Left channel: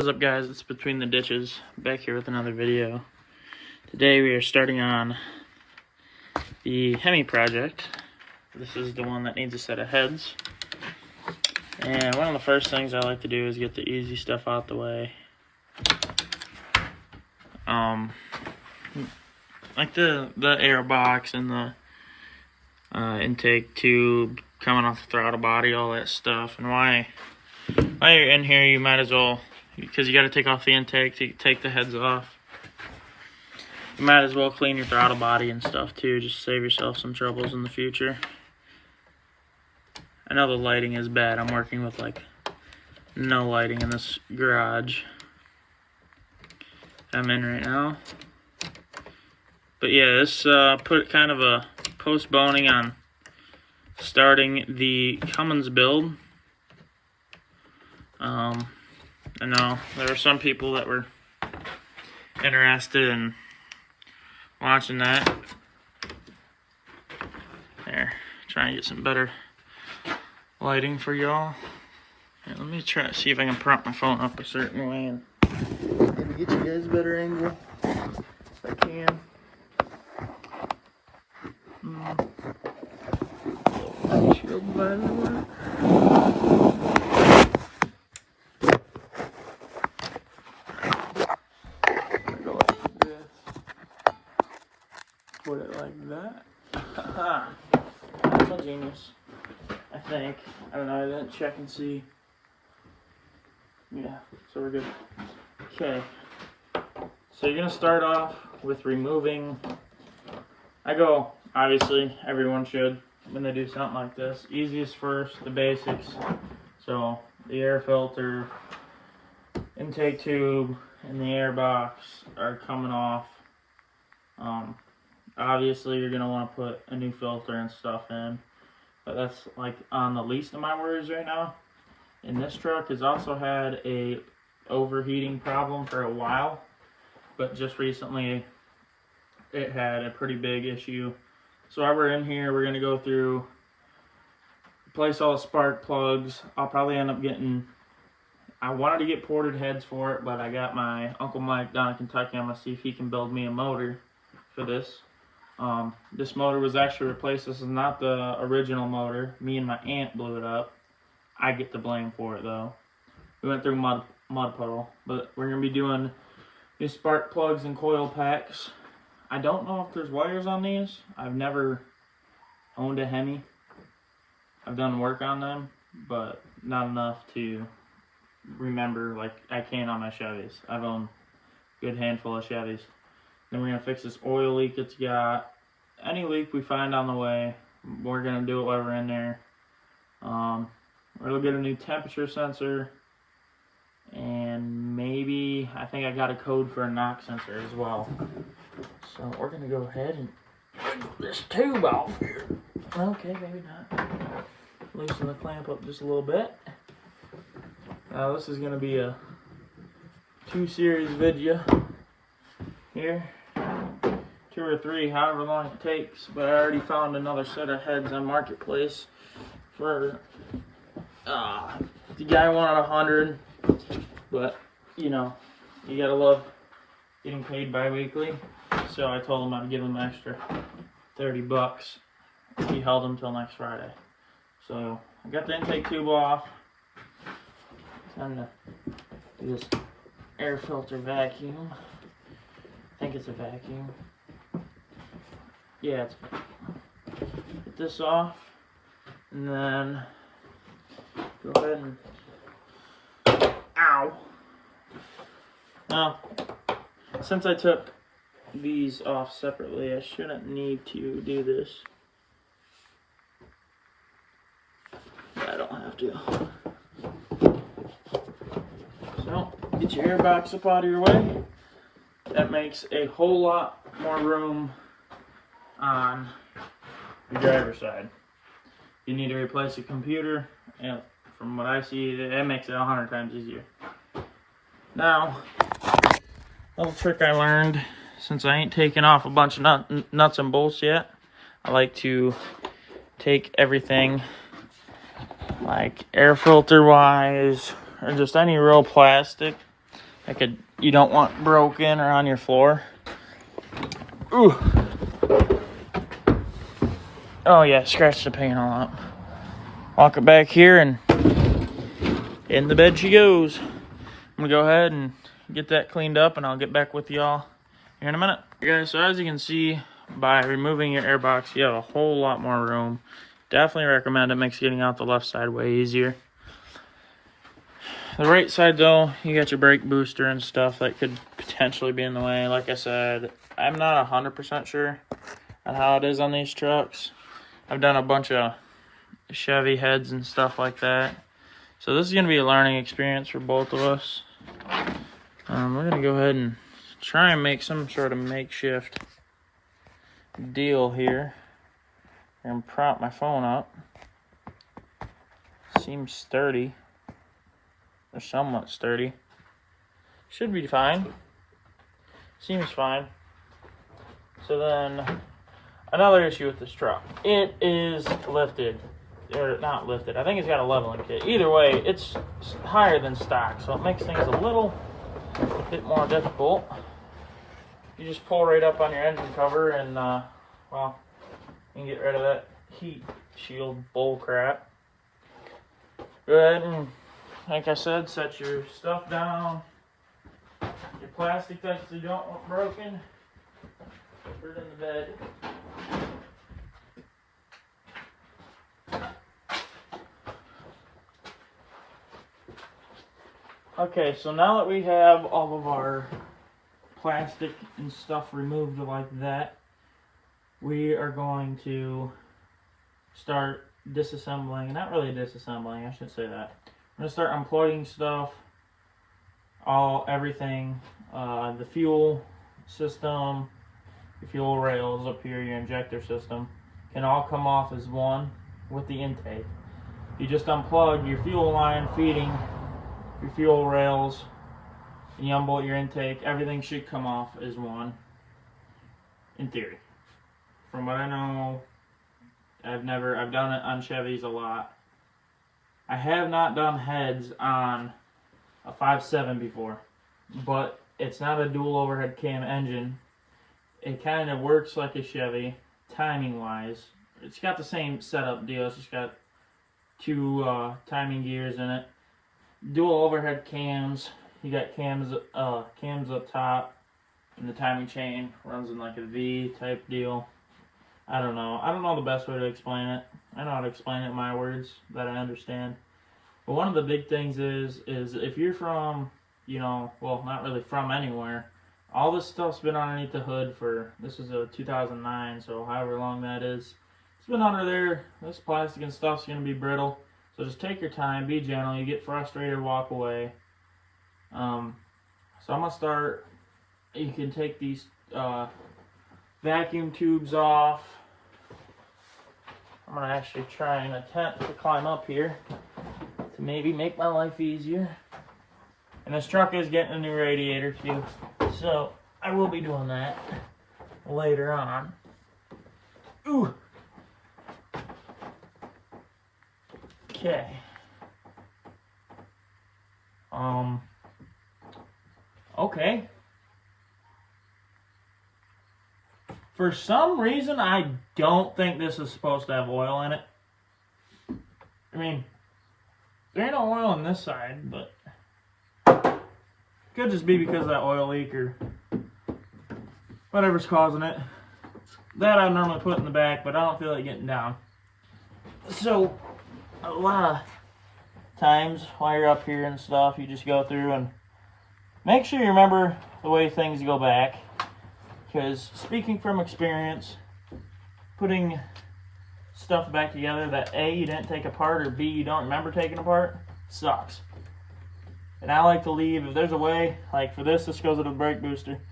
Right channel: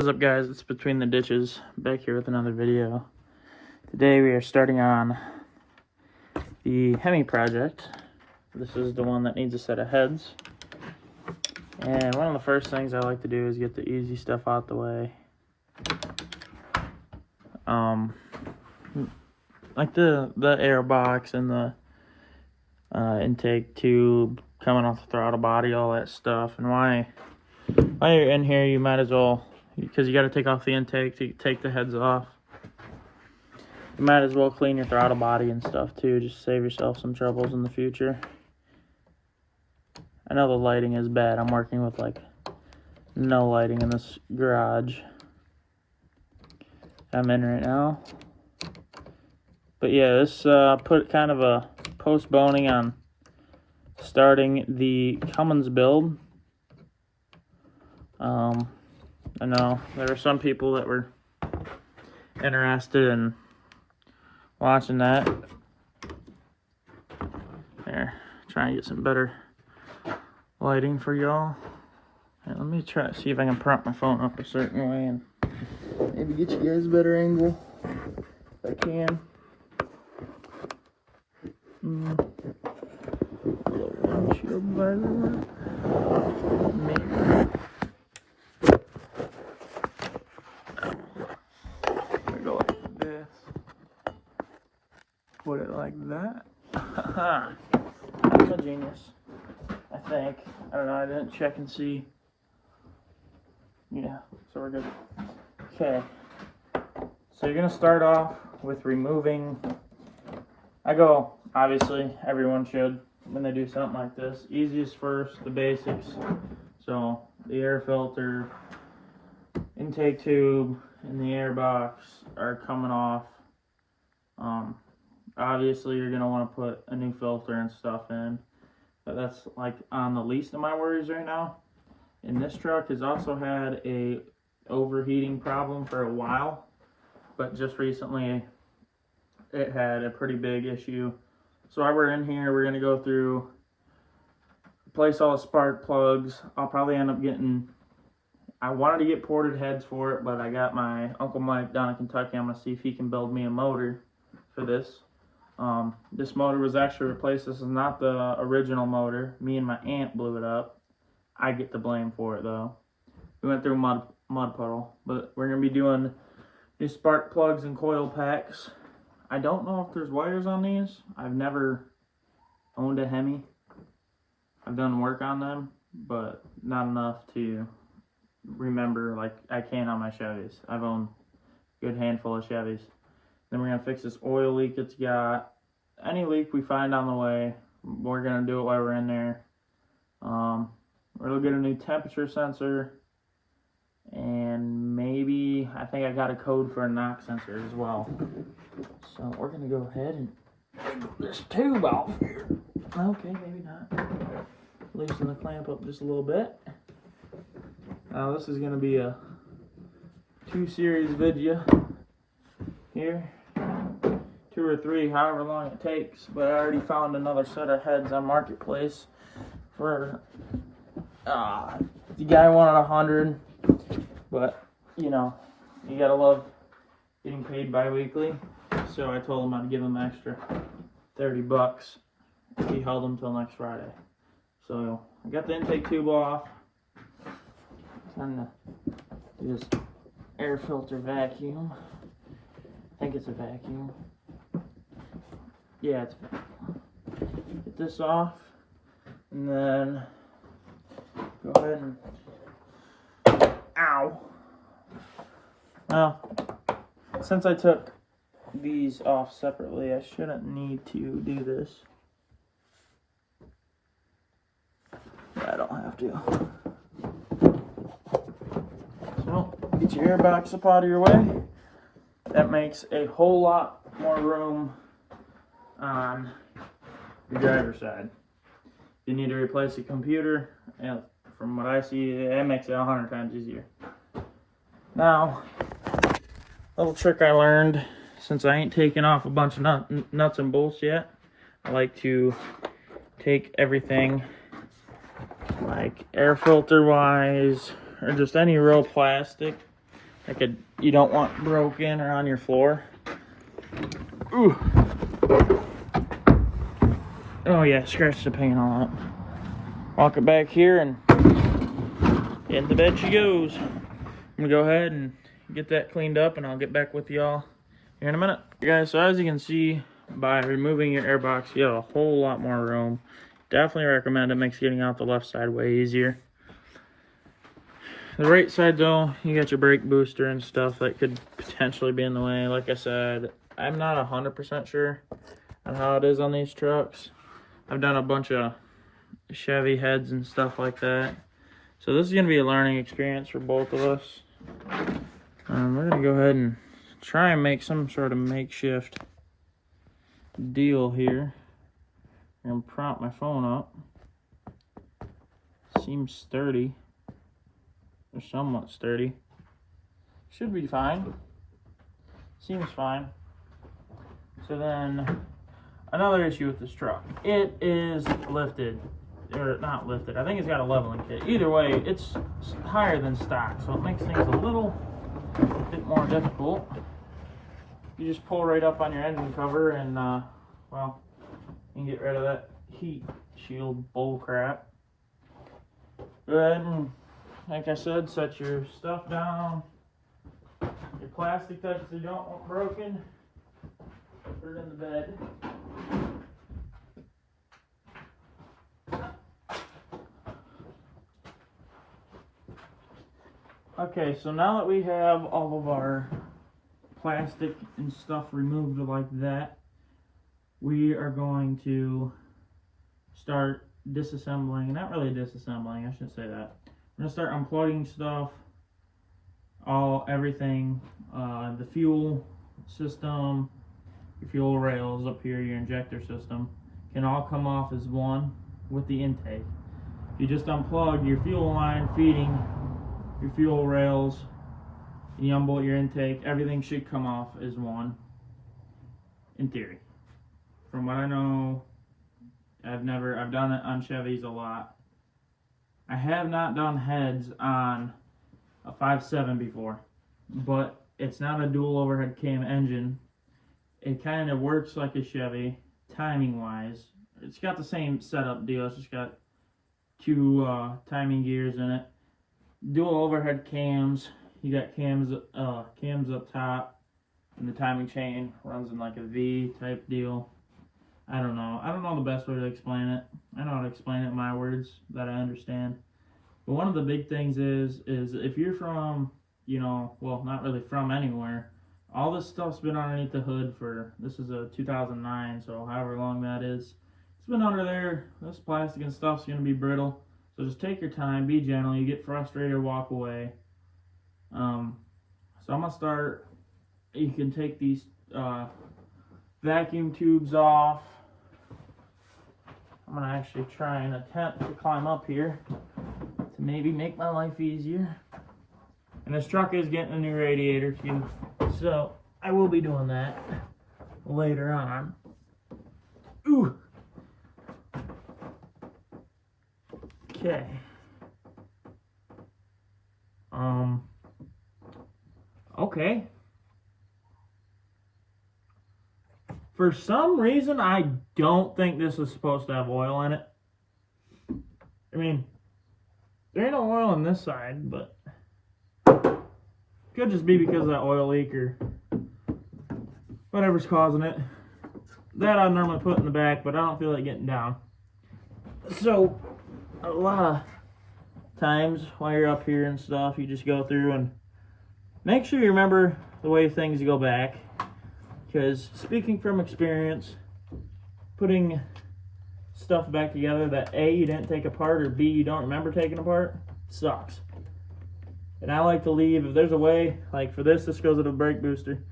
What's up, guys? It's Between the Ditches, back here with another video. Today we are starting on the hemi project. This is the one that needs a set of heads. And one of the first things I like to do is get the easy stuff out the way. Like the air box and the intake tube coming off the throttle body, all that stuff. And while you're in here, you might as well, because you got to take off the intake to take the heads off. You might as well clean your throttle body and stuff too, just save yourself some troubles in the future. I know the lighting is bad. I'm working with like no lighting in this garage I'm in right now. But yeah, this put kind of a postponing on starting the Cummins build. I know there were some people that were interested in watching that. There, trying to get some better lighting for y'all. Let me try to see if I can prop my phone up a certain way and maybe get you guys a better angle if I can. Low windshield, by the way. Go like this. Put it like that. I'm a genius, I think. I don't know, I didn't check and see. Yeah, so we're good. Okay. So you're gonna start off with removing. Obviously, everyone should when they do something like this. Easiest first, the basics. So the air filter, intake tube, and the air box are coming off. Obviously, you're gonna want to put a new filter and stuff in, but that's like on the least of my worries right now. And this truck has also had a overheating problem for a while, but just recently it had a pretty big issue. So while we're in here, we're gonna go through, replace all the spark plugs. I'll probably end up getting, I wanted to get ported heads for it, but I got my Uncle Mike down in Kentucky. I'm gonna see if he can build me a motor for this. This motor was actually replaced. This is not the original motor. Me and my aunt blew it up. I get the blame for it though. We went through mud puddle, but we're gonna be doing these spark plugs and coil packs. I don't know if there's wires on these. I've never owned a Hemi. I've done work on them, but not enough to remember like I can on my Chevys. I've owned a good handful of Chevys. Then we're gonna fix this oil leak it's got. Any leak we find on the way, we're gonna do it while we're in there. We'll get a new temperature sensor, and maybe, I think I got a code for a knock sensor as well. So we're gonna go ahead and wiggle this tube off here. Okay, maybe not. Loosen the clamp up just a little bit. Now this is gonna be a 2-series video here. 2 or 3, however long it takes. But I already found another set of heads on Marketplace for the guy wanted 100, but you know, you gotta love getting paid bi-weekly. So I told him I'd give him an extra 30 bucks if he held them till next Friday. So I got the intake tube off. Time to do this air filter vacuum. I think it's a vacuum. Yeah, it's a vacuum. Get this off, and then go ahead and, ow. Since I took these off separately, I shouldn't need to do this. Yeah, I don't have to. So, get your air box up out of your way. That makes a whole lot more room on the driver's side. You need to replace your computer, and from what I see, it makes it 100 times easier. Now, little trick I learned, since I ain't taken off a bunch of nuts and bolts yet, I like to take everything, like air filter wise, or just any real plastic, like you don't want broken or on your floor. Ooh. Oh yeah, scratch the paint all up. Walk it back here and in the bed she goes. I'm gonna go ahead and get that cleaned up and I'll get back with y'all here in a minute. Guys, so as you can see, by removing your air box, you have a whole lot more room. Definitely recommend it. Makes getting out the left side way easier. The right side though, you got your brake booster and stuff that could potentially be in the way. Like I said, I'm not 100% sure on how it is on these trucks. I've done a bunch of Chevy heads and stuff like that. So this is going to be a learning experience for both of us. We're going to go ahead and try and make some sort of makeshift deal here. I'm going to prop my phone up. Seems sturdy. Or somewhat sturdy. Should be fine. Seems fine. So then, another issue with this truck. It is lifted. Or not lifted. I think it's got a leveling kit. Either way, it's higher than stock. So it makes things a little bit more difficult. You just pull right up on your engine cover and, well, you can get rid of that heat shield bull crap. Go ahead and, like I said, set your stuff down. Your plastic that you don't want broken. Put it in the bed. Okay, so now that we have all of our plastic and stuff removed like that, we are going to start disassembling, not really disassembling, I shouldn't say that. I'm going to start unplugging stuff, everything, the fuel system, your fuel rails up here, your injector system, can all come off as one with the intake. If you just unplug your fuel line feeding your fuel rails, and you unbolt your intake, everything should come off as one, in theory. From what I know, I've done it on Chevys a lot. I have not done heads on a 5.7 before, but it's not a dual overhead cam engine. It kind of works like a Chevy, timing wise. It's got the same setup deal, it's just got two timing gears in it. Dual overhead cams. You got cams up top, and the timing chain runs in like a V type deal. I don't know the best way to explain it. I know how to explain it in my words that I understand. But one of the big things is if you're from, well, not really from anywhere, all this stuff's been underneath the hood for, this is a 2009, so however long that is. It's been under there. This plastic and stuff's going to be brittle. So just take your time, be gentle. You get frustrated, walk away. So I'm going to start, you can take these vacuum tubes off. I'm going to actually try and attempt to climb up here to maybe make my life easier. And this truck is getting a new radiator too, so I will be doing that later on. Ooh. Okay. Okay. For some reason, I don't think this is supposed to have oil in it. I mean, there ain't no oil on this side, but could just be because of that oil leak or whatever's causing it. That I normally put in the back, but I don't feel like getting down. So, a lot of times while you're up here and stuff, you just go through and make sure you remember the way things go back. Because speaking from experience, putting stuff back together that A, you didn't take apart, or B, you don't remember taking apart, sucks. And I like to leave, if there's a way, like for this goes to the brake booster,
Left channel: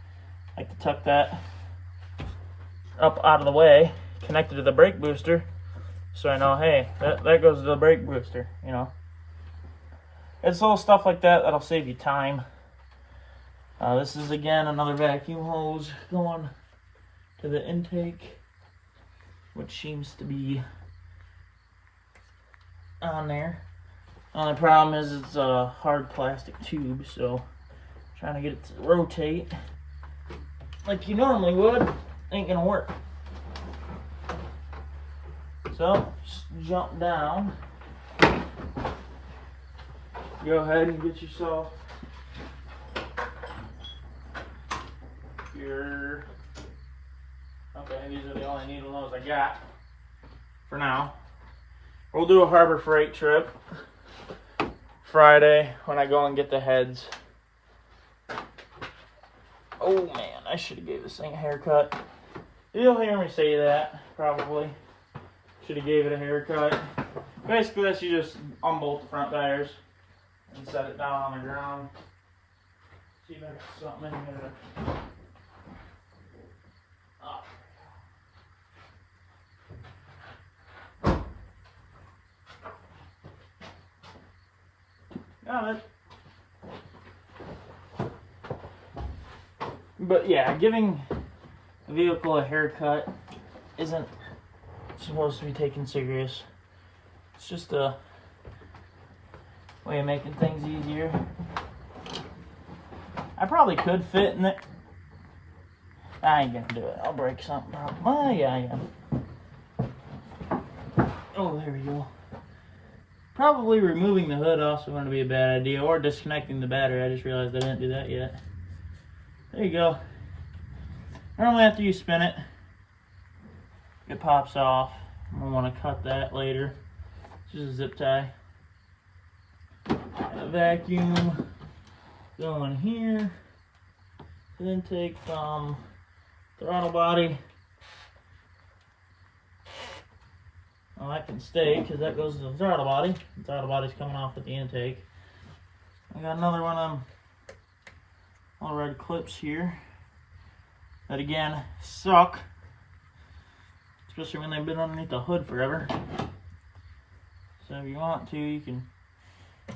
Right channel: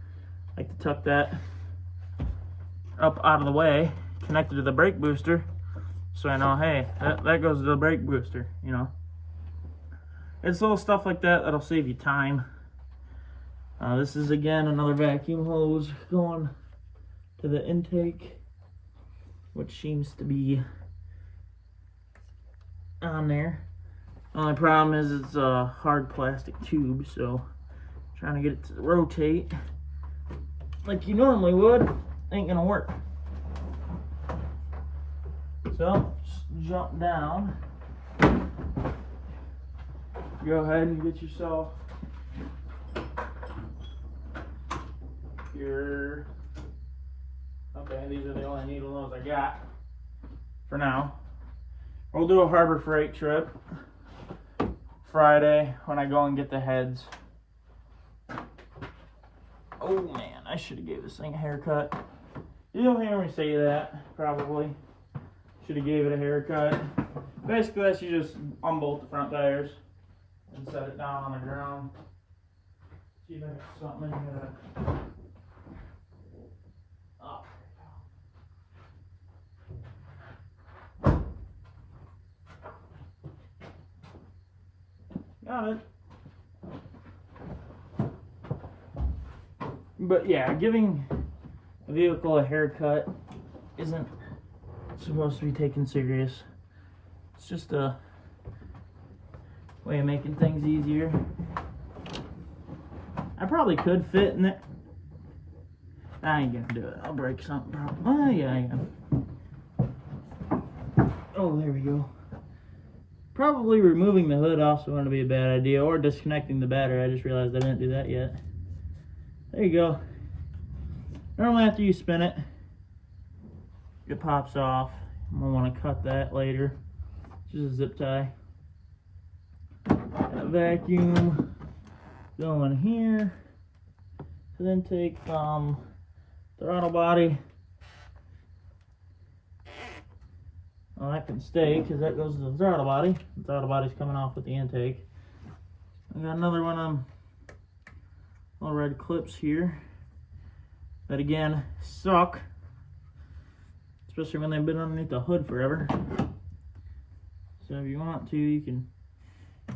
I like to tuck that up out of the way, connected to the brake booster, so I know, hey, that goes to the brake booster, It's little stuff like that that'll save you time. This is again another vacuum hose going to the intake, which seems to be on there. Only problem is it's a hard plastic tube, so Trying to get it to rotate like you normally would ain't gonna work. So just jump down. Go ahead and get yourself your. Okay, these are the only needle ones I got for now. We'll do a Harbor Freight trip Friday when I go and get the heads. Oh man, I should have gave this thing a haircut. You'll hear me say that, probably. Should have gave it a haircut. Basically, that's you just unbolt the front tires and set it down on the ground. See if I got something in here. Got it. But yeah, giving a vehicle a haircut isn't supposed to be taken serious. It's just a way of making things easier. I probably could fit in it. I ain't gonna do it. I'll break something. Oh yeah, I am. Oh, there we go. Probably removing the hood also wouldn't be a bad idea, or disconnecting the battery. I just realized I didn't do that yet. There you go. Normally after you spin it, it pops off. I'm gonna want to cut that later. It's just a zip tie. A vacuum going here. Then take from throttle body. Well, that can stay because that goes to the throttle body. The throttle body's coming off with the intake. I got another one of them little red clips here that again suck, especially when they've been underneath the hood forever. So if you want to, you can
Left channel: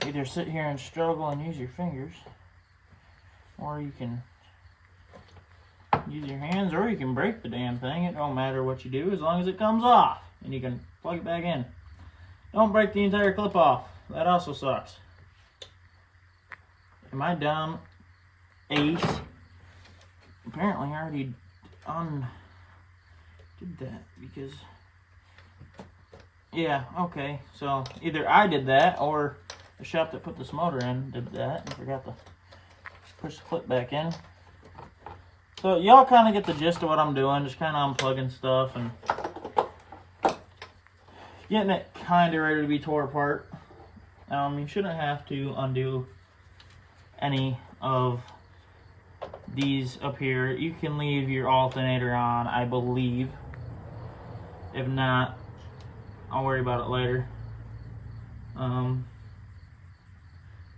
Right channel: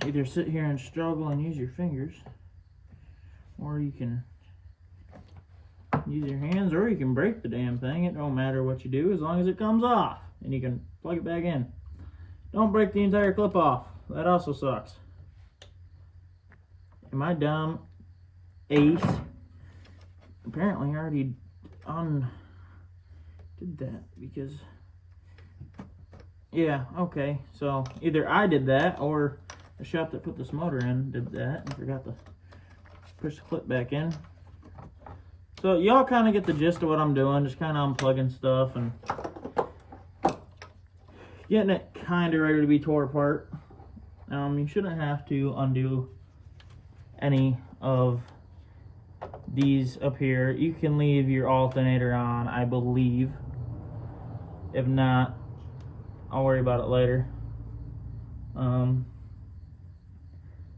either sit here and struggle and use your fingers, or you can use your hands, or you can break the damn thing. It don't matter what you do as long as it comes off and you can plug it back in. Don't break the entire clip off. That also sucks. Am I down ace? Apparently I already did that because yeah, okay, so either I did that or the shop that put this motor in did that and forgot to push the clip back in. So y'all kind of get the gist of what I'm doing, just kind of unplugging stuff and getting it kind of ready to be tore apart. You shouldn't have to undo any of these up here. You can leave your alternator on, I believe. If not, I'll worry about it later. So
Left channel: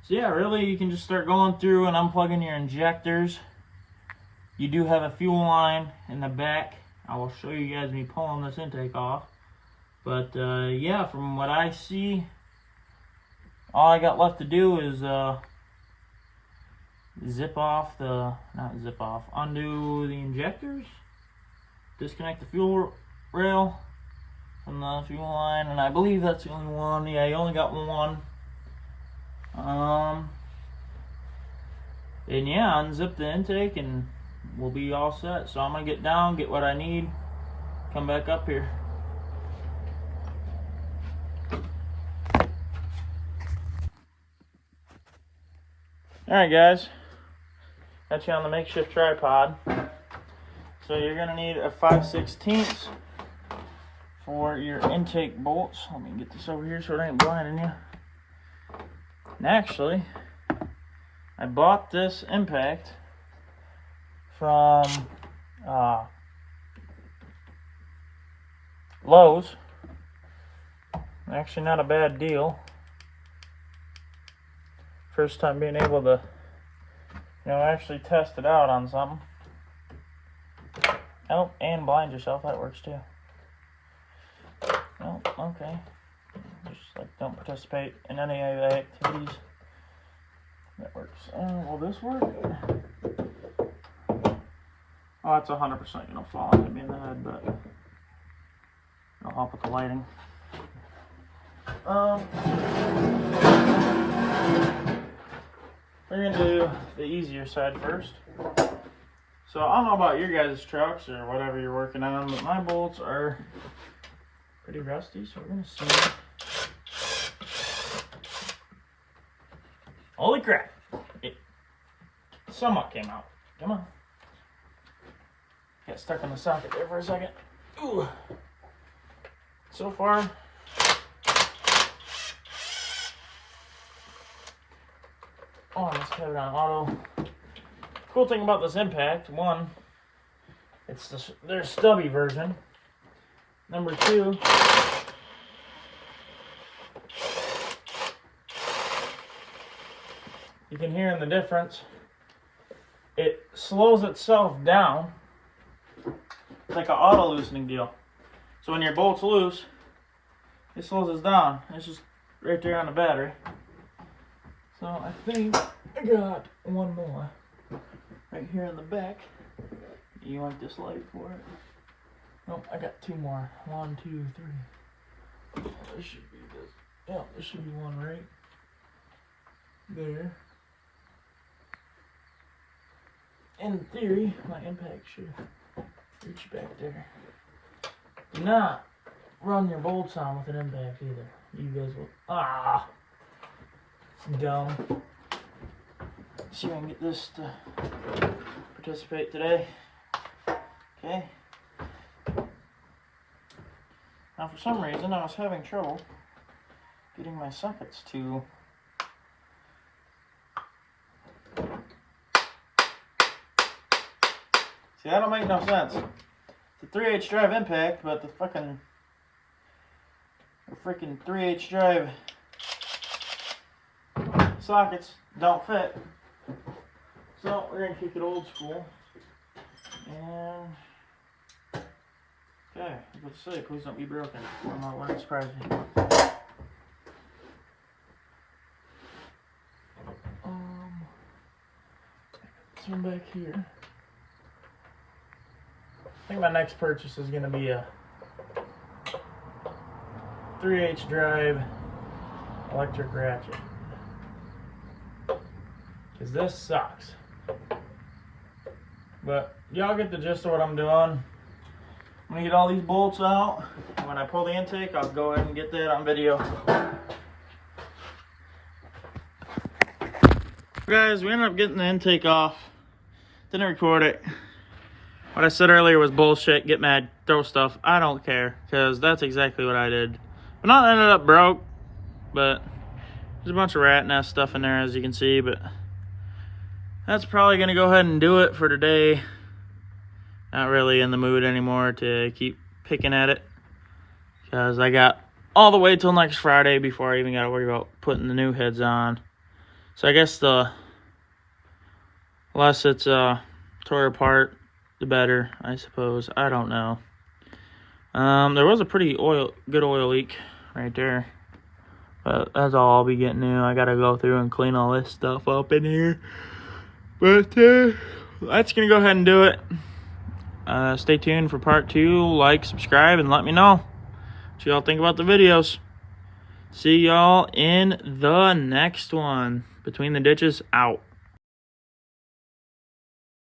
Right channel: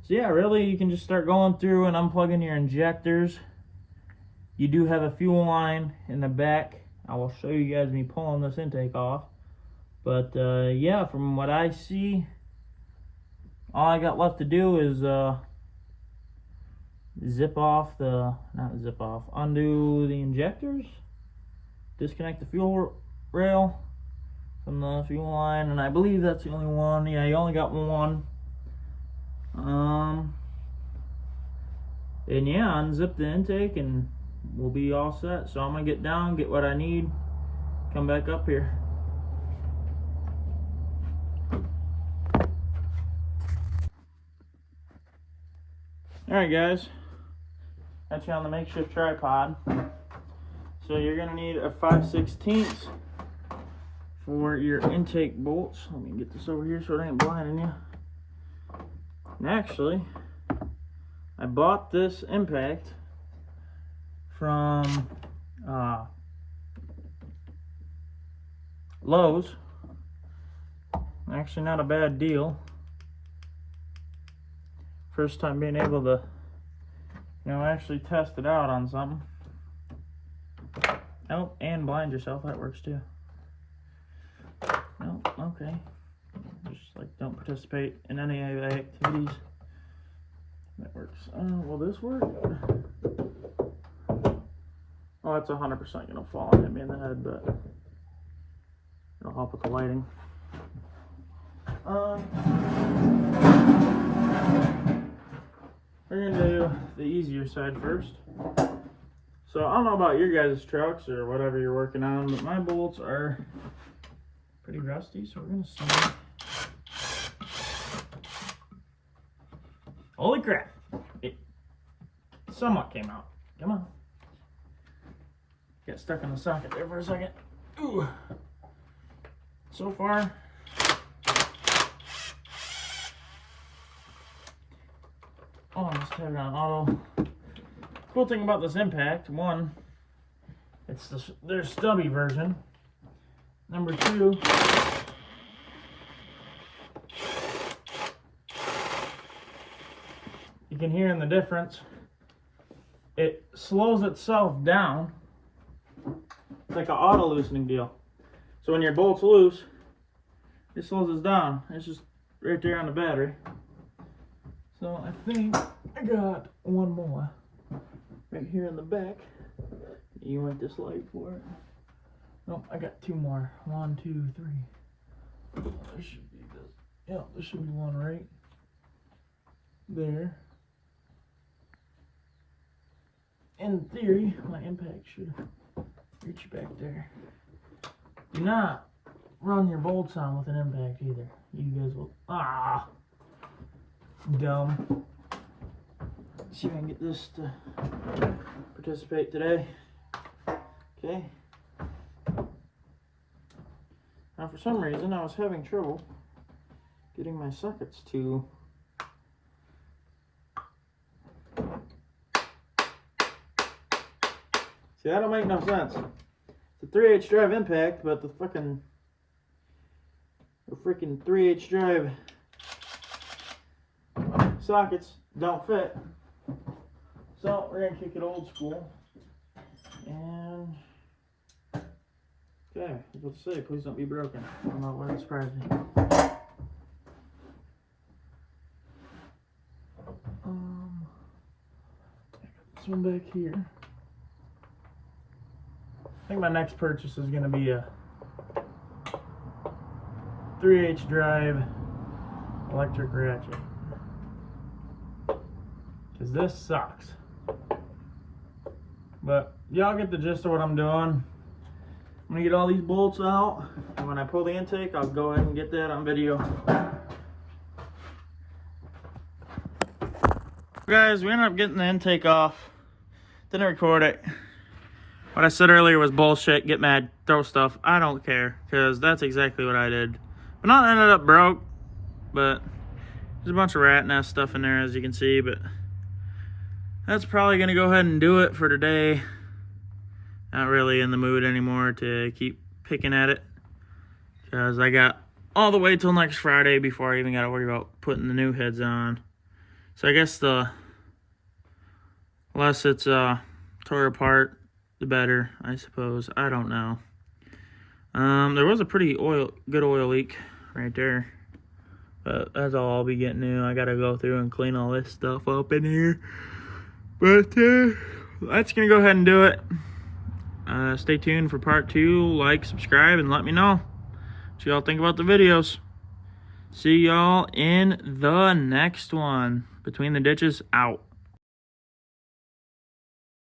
yeah, really you can just start going through and unplugging your injectors. You do have a fuel line in the back. I will show you guys me pulling this intake off. But yeah, from what I see, all I got left to do is undo the injectors, disconnect the fuel rail from the fuel line, and I believe that's the only one. Yeah, you only got one. And yeah, unzip the intake and we'll be all set. So I'm gonna get down, get what I need, come back up here. Alright guys, got you on the makeshift tripod. So you're going to need a 5/16 for your intake bolts. Let me get this over here so it ain't blinding you. And actually, I bought this impact from Lowe's. Actually not a bad deal. First time being able to, actually test it out on something. Oh, and blind yourself, that works too. Oh, okay. Just like don't participate in any of the activities. That works. Will this work? Oh, it's 100% gonna fall and hit me in the head, but it'll help with the lighting. we're gonna do the easier side first. So I don't know about your guys' trucks or whatever you're working on, but my bolts are pretty rusty, so we're gonna see. Holy crap! It somewhat came out. Come on. Got stuck in the socket there for a second. Ooh. So far, oh, I must have it on auto. Cool thing about this impact, one, it's their stubby version. Number two, you can hear in the difference. It slows itself down. It's like an auto loosening deal. So when your bolt's loose, it slows us down. It's just right there on the battery. So I think I got one more right here in the back. You want this light for it? Nope, I got two more. 1, 2, 3. There should be this. Yeah, there should be one right there. In theory, my impact should reach back there. Do not run your bolts on with an impact either. You guys will. Ah! It's dumb. Let's see if I can get this to participate today. Okay. Now, for some reason, I was having trouble getting my sockets to. See, that don't make no sense. It's a 3/8 drive impact, but the freaking 3/8 drive sockets don't fit. So we're gonna keep it old school. And okay, I was about to say, please don't be broken. I'm not letting surprise me. This one back here. I think my next purchase is gonna be a 3/8 drive electric ratchet. Cause this sucks. But y'all get the gist of what I'm doing. I'm gonna get all these bolts out, and when I pull the intake, I'll go ahead and get that on video. Guys, we ended up getting the intake off. Didn't record it. What I said earlier was bullshit, get mad, throw stuff. I don't care, because that's exactly what I did. But not ended up broke, but there's a bunch of rat nest stuff in there, as you can see, but that's probably going to go ahead and do it for today. Not really in the mood anymore to keep picking at it, because I got all the way till next Friday before I even got to worry about putting the new heads on. So I guess the less it's tore apart, the better, I suppose. I don't know. There was a pretty good oil leak right there, but that's all I'll be getting new. I gotta go through and clean all this stuff up in here, but that's gonna go ahead and do it. Stay tuned for part 2. Like, subscribe, and let me know what y'all think about the videos. See y'all in the next one. Between the Ditches, out.